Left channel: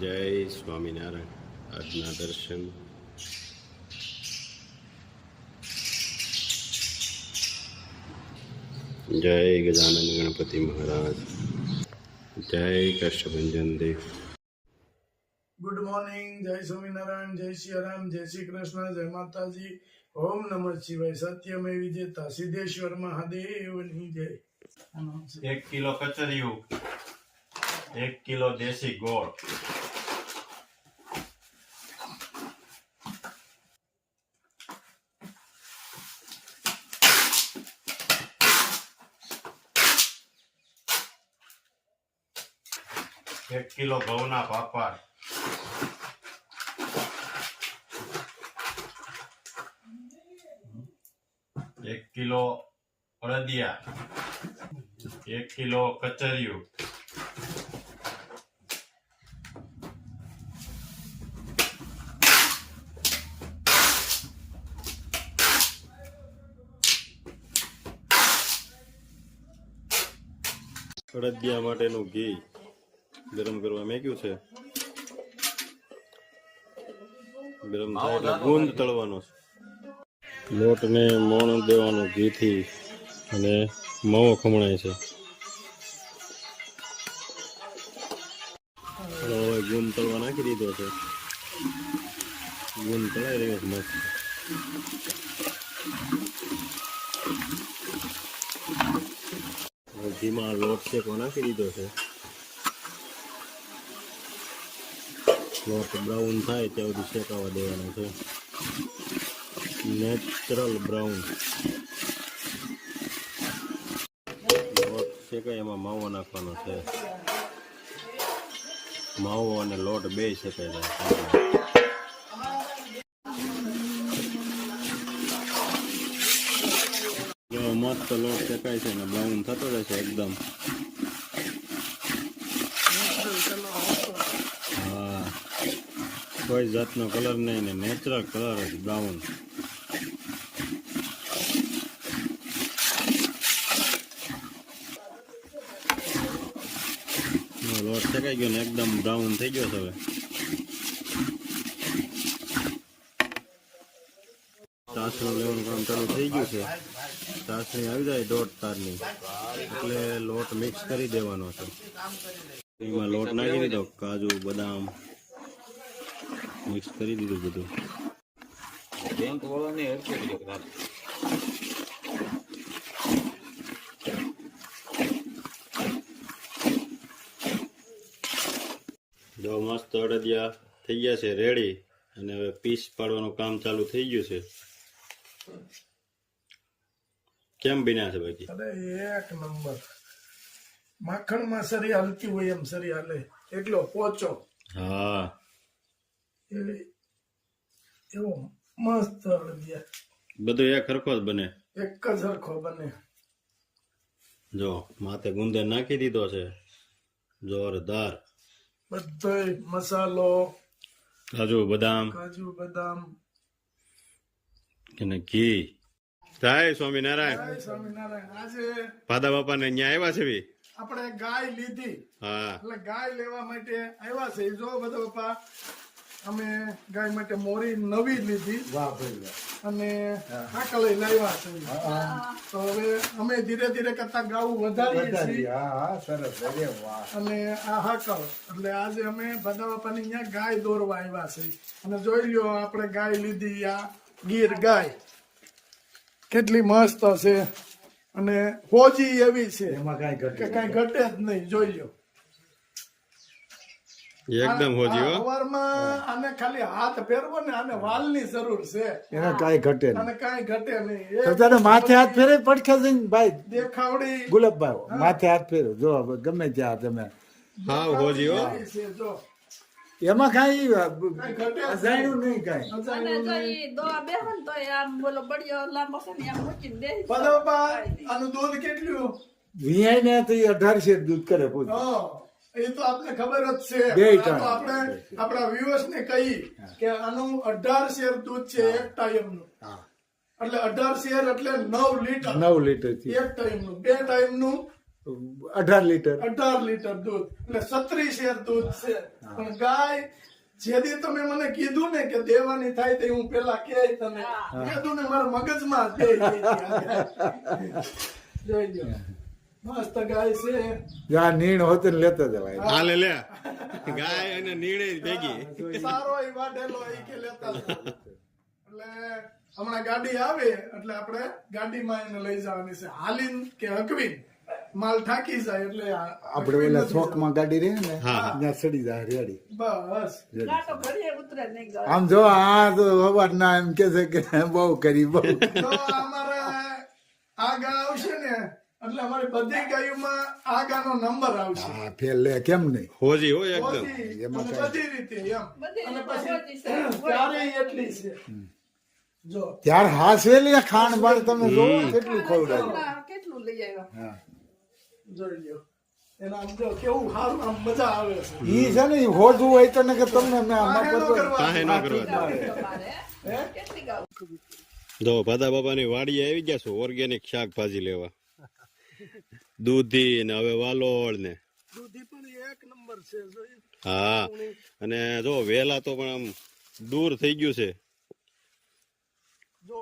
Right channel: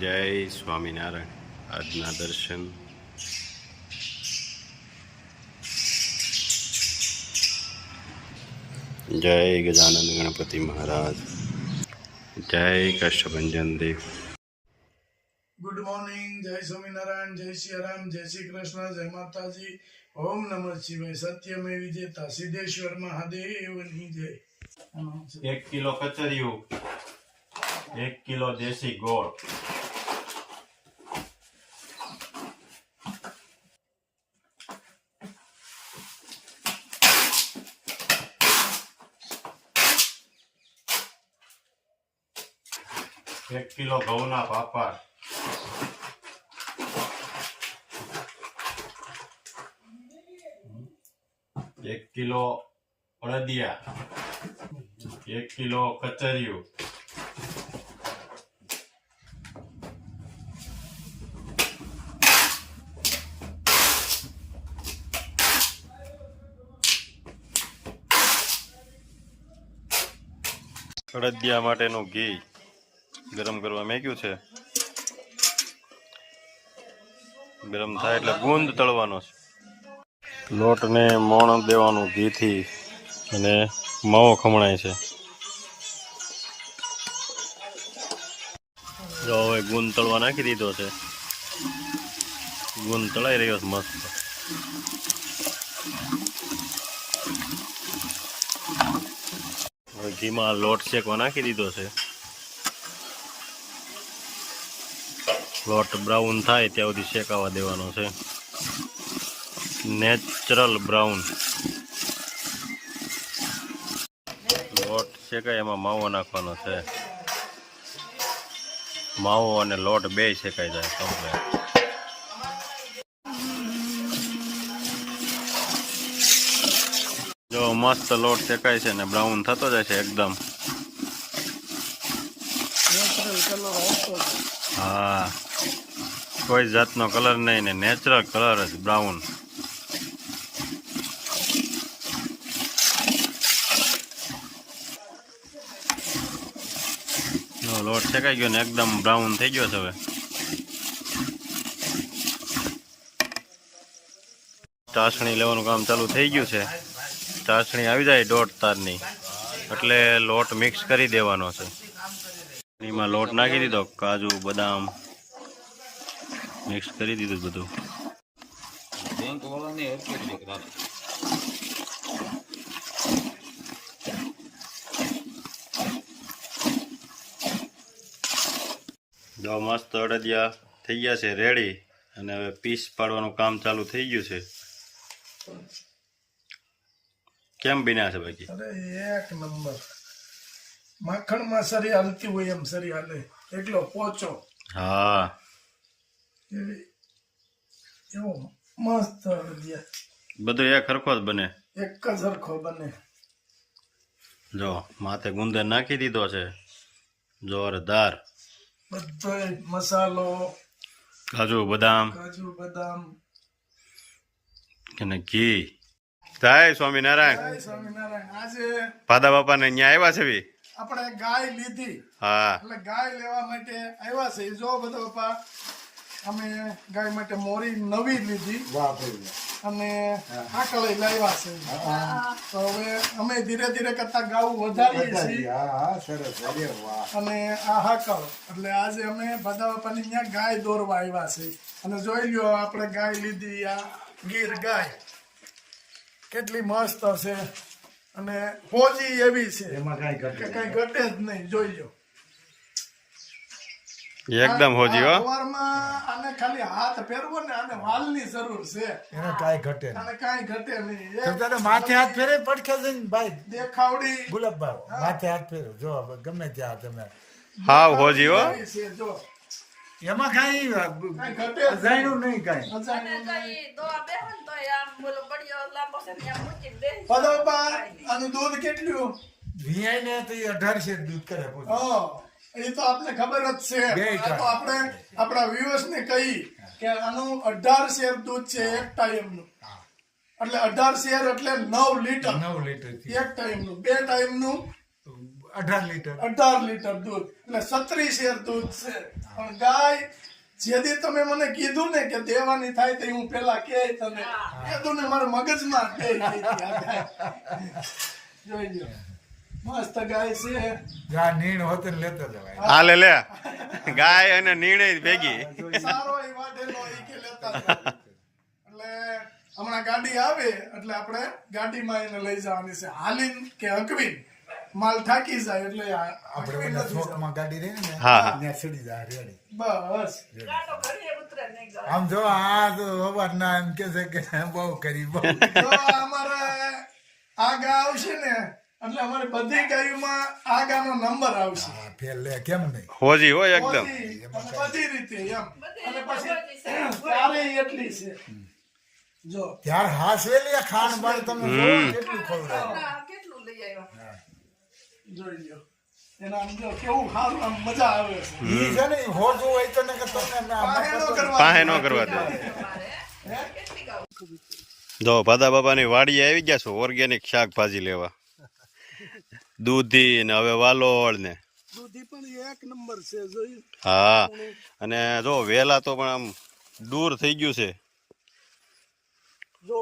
જય સ્વામિનારાયણ. આજના દર્શન જય ગજાનંદ ગણપતિ મહારાજ, જય કષ્ટભંજન દેવ. ગુડ મોર્નિંગ, જય સ્વામિનારાયણ, જય શ્રી રામ, જય શ્રી કૃષ્ણ, જય માતાજી. ઓમ નમઃ શિવાય. સત્યમે વિજેતા સિદ્ધેશ્વર મહાદેવની જય. 1 કિલો કચરિયું, 1 કિલો દેશી ગોળ, એક કિલો ઘઉંના પાપડ, 1 કિલો અડદિયા, 1 કિલો કચરિયું, અડદિયા માટેનું ઘી ગરમ કરવા મેક્યું છે. ગરમ થાય એટલે ગુંદ તળવાનો છે. લોટને મોણ દેવાનું ઘીથી અને માવો ખમણાય છે. જો હવે ગુંદ તળવા નાખી દીધો છે. ગુંદ તળાઈ રહ્યો છે મસ્ત. હવે ઘીમાં લોટ શેકવા નાખી દીધો છે. લોટ બ્રાઉન થાય ત્યાં સુધી શેકાવા દેવાનો છે. Natural brown. લોટ શેકાય એમાં માવો નાખવાનો છે. માવો અને લોટ બે શેકાઈ જાય કમ્પ્લીટ. જો મસ્ત લોટ શેકાય છે ને બ્રાઉન થતો જાય છે એકદમ. હા, કોઈ જાતનો કલર નહીં ને નેચરલ કલર જ બ્રાઉન. લોટ શેકાઈ ગયો ને એકદમ બ્રાઉન થઈ ગયો છે. હવે ચાસણી લેવાનું કામ ચાલુ થઈ ગયું છે. ચાસણી આવી જાય 1.5 તારની એટલે લોટ મિક્સ કરી દેવાનો છે. એમાં લોટ નાખી દીધો, કાજુ બદામ મિક્સ કરી દીધું બધું. જો મસ્ત અડદિયા થઈ ગયા છે રેડી. અને હવે પીસ પાડવાનું કામ ચાલુ થઈ ગયું છે. કેમ બન્યા છે બાકી? અરે એક નંબર. માખણમાં સરી હાલતી હોય એમ સરી હાલે એટલો પોચો. હા, એવો મસ્ત અડદિયા. બધું એક સરખો જ બને. એક જ સરખો બને. જો માથે ગુંદર નાખી દીધો છે જોરદાર. બધો મસાલો, કાજુ બદામ અને ઘી. જય સ્વામિનારાયણ. જય સ્વામિનારાયણ. આજે ભાદા બાપા ને અહીંયા આવ્યા છે બી. આપણે ગાય લીધી. હા, એટલે ગાય લેવા માટે આવ્યા છે. જો બધો બાપા અમે ગાય માટે મોરી નવી લીધી અને હાકળી લાવ્યા છે. તો હવે અમે ધીરે ધીરે કરતા ગાવું વધારીએ છીએ. અને આ હાકળ એટલે આજે અમે ભાદા બાપાની અહીંયા ગાય દોરવા આવ્યા છે. અને જોઈ લ્યો આપણે ગાય લીધી, આ ગીર ગાય કેટલી મસ્ત છે અને ફોજી એવી છે એમાં કઈ ઘટે કે કઈ ઘટે જ નહીં. જોઈ લ્યો એકદમ હોજી હો. સવારમાં આને ખાલી હાથ ફેરવો ને આને વાલની જરૂર છે. એને કઈ ઘટે અને કાંઈ ઘટે નહીં. તો તને માથે હાથ ફેરે પડખે જઈને ભાઈ દેખાવડી ગુલાબભાઈ માથે હાથ ફેરો જો ગમે ત્યાં તમે હા હોજી હો. એવી છે. જો એમાં કઈ કાંઈ ઘટે જ અજાણ્યું નહીં કઈ. અજાણ્યું નહીં. દૂધ પદવપા આનું દૂધ કેટલું? વિયાય ને તો 18 દૂધ કરે પૂરું. હા, એ તો આપને ખબર જ છે. બે આ તો ટાઈમ. આપણે આપણા વ્યુઅર્સ ને કહી કે આનું 18 શેર દૂધ છે એક ટાઈમનું. એટલે 18 શેર એટલે 9 લીટર. 9 લીટર થી એક ટાઈમનું. બે ટાઈમનું 18 લીટર. 18 લીટર દૂધ એટલે 36 શેર દૂધ છે. પણ ગાય જેથી તમે મને કીધું ને કે દેવાની થાય તે હું પેલા કે તને કીધું ને મારા મગજમાં તે જોઈ લ્યો મસ્ત ગાય છે. જ્યાં નીણ હોતું ને લેતો જવાય. હાલે લે ગાય અને નિર્ણય ભેગી. સારો ઈ વાઢેલો ઈ કે લેતા જાવ. એટલે હમણાં ગાડી આવે એટલે આપણે ગાડીમાં એને લઈ જવાની છે. હાલીન કે હકવીન માલ થાકી જાય એટલે આપણે એના ચોકમાં ગાડી રહી ને હા. ત્યાં ચડી જાય રેડી. બસ આમ જો આ તો અવાજના એમ કે છે કે બહુ કરી બહુ. જો અમારે આ ગા આવશે ને એટલે અમારી બધી ગાયોમાં આ ગાનો નંબર આવશે. હા, ફેર લે કેમ નહીં. હોજી હોય એકદમ. બધી અને બધી રીતે એમ અને પછી ત્યારે એટલી છે જો ત્યાર હાસવેલી ખાણ ભાઈ તમે જો કેટલું ખવડાવ્યું. જોઈ લ્યો એના આમ જો કેવું સારું આમ મજા આવે છે. ઈ છે ને ઈ હોજું હોય તો ને કે તમને પાહે નો કરવા પાહે ન કરવા દે. હે? જો ભાદા બાપાની વાડીએ આવી ગયા છો ઓર્ગેનિક શાકભાજી લેવા. દૂધી ને હવે વાલોળ ને દૂધી પણ એક નંબર છે જોઈ હા. અને જો વેલા તો પણ આમ દૂર થઈ ગયું છે. જો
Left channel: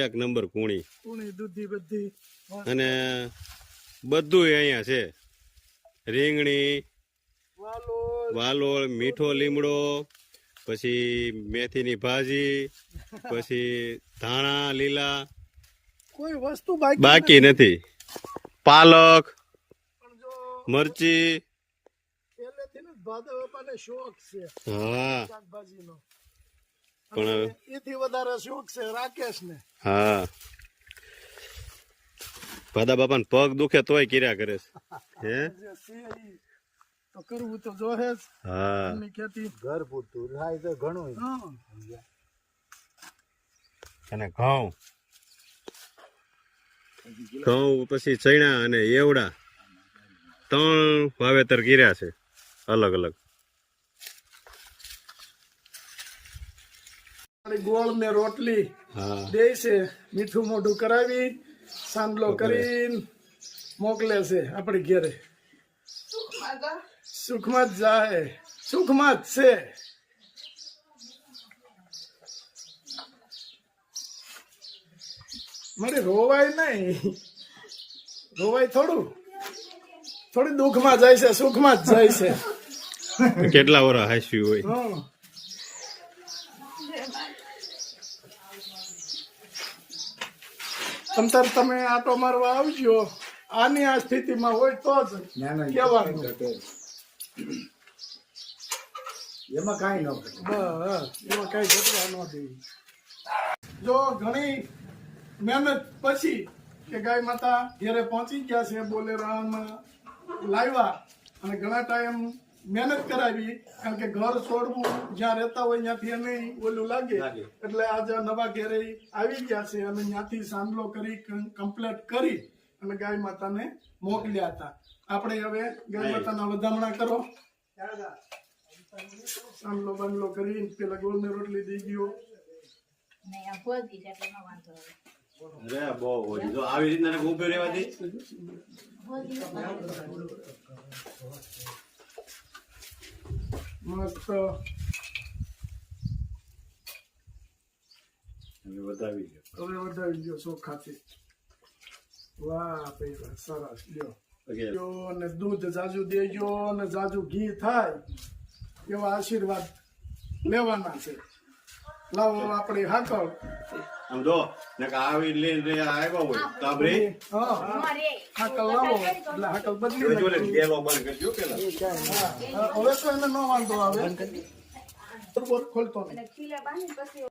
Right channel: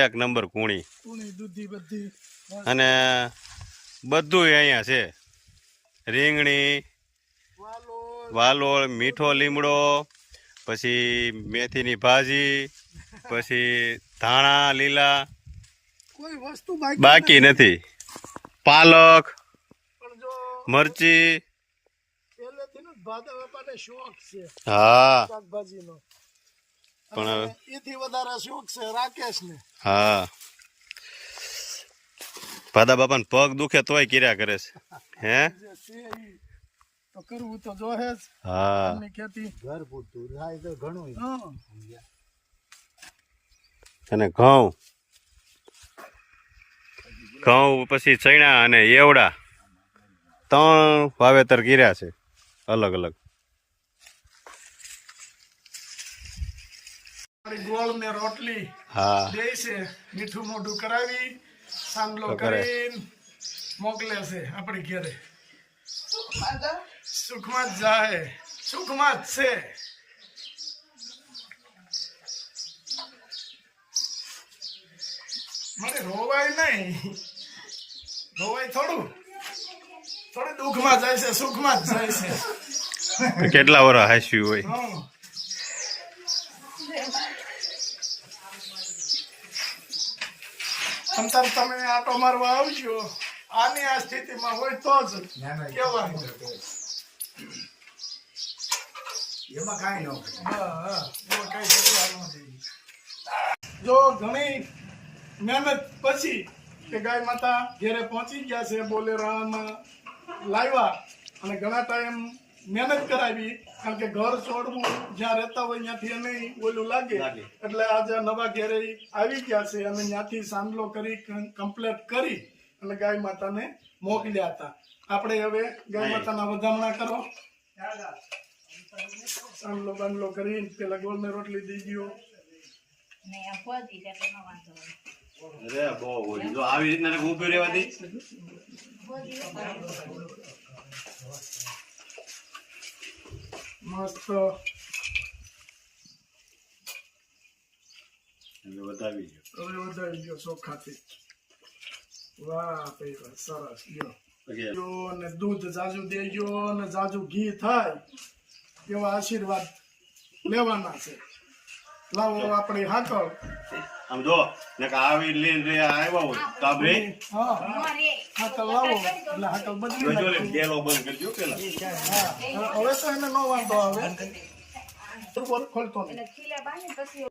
એક નંબર કુણી કુણી દૂધી બધી અને બધું અહીંયા છે. રીંગણી, વાલો વાલોળ, મીઠો લીમડો, પછી મેથીની ભાજી, પછી ધાણા લીલા કોઈ વસ્તુ બાકી નથી. પાલક, પણ જો મરચી. પહેલેથી ને ભાદા બાપાને શોખ છે હા શાકભાજીનો પણ અને એથી વધારે શોખ છે રાકેશને. હા ભાદા બાપાને પગ દુખે તોય કર્યા કરે છે. હે જે છે ઈ તો કરવું તો જોહે જ હા. એમની ખેતી. ઘર પૂરતું થાય તો ઘણું. હા અને ઘઉં પછી ચણા અને એવડા 3 વાવેતર કર્યા છે અલગ અલગ. ગોળ ને રોટલી હા દે છે મીઠું મોઢું કરાવી સાંડલો તો કરે. કરીને મોકલે છે આપણે ઘેરે. સુખમાં જ જાય સુખમાં જ છે. મારે રોવાય નહીં રોવાય થોડું દુઃખમાં જાય છે સુખમાં જ જાય છે. કેટલા વર્ષ હાસ્યું હોય. હં. અંતર તમે આટો મારવા આવજો આની આ સ્થિતિમાં હોય તો જ ના ના કેવાનું. એમાં કાંઈ ન કરે. એમાં કઈ ઘટવા ન દે. જો ઘણી મહેનત પછી કે ગાય માતા ઘેરે પહોંચી ગયા છે બોલેરામાં લાવ્યા અને ઘણા ટાઈમ મહેનત કરાવી કારણ કે ઘર છોડવું જ્યાં રહેતા હોય ત્યાંથી એને ઓલું લાગે એટલે આજે નવા ઘેરે આવી ગયા છે અને ત્યાંથી સાંડલો કરી કમ્પ્લીટ કરી અને ગાય માતાને મોકલ્યા હતા. આપણે હવે ગાય માતાના વધામણા કરો. સાંડલો બાંડલો કરી પેલા ગોળ ને રોટલી દઈ દો. અરે બહુ હોય. જો આવી રીતના ઊભી રહેવા દે. મસ્ત વધાવી ગયો. હવે વધારી ગયો ચોખાથી. વાહ પૈસા સરસ લ્યો. Okay. લ્યો ને દૂધ જાજુ દેજો ને જાજુ ઘી થાય એવા આશીર્વાદ લેવાના છે. લાવો આપણી હાકળ. આમ જો ને આવી લઈને આવ્યા હોય તો આપણે હા હાકળ લાવો એટલે હાકળ બદલી જોજો લે નાખજો. ડેલો બંધ કરજો પેલા. હા હવે તો એને ન વાંધો આવે બરોબર ખોલતો નહીં.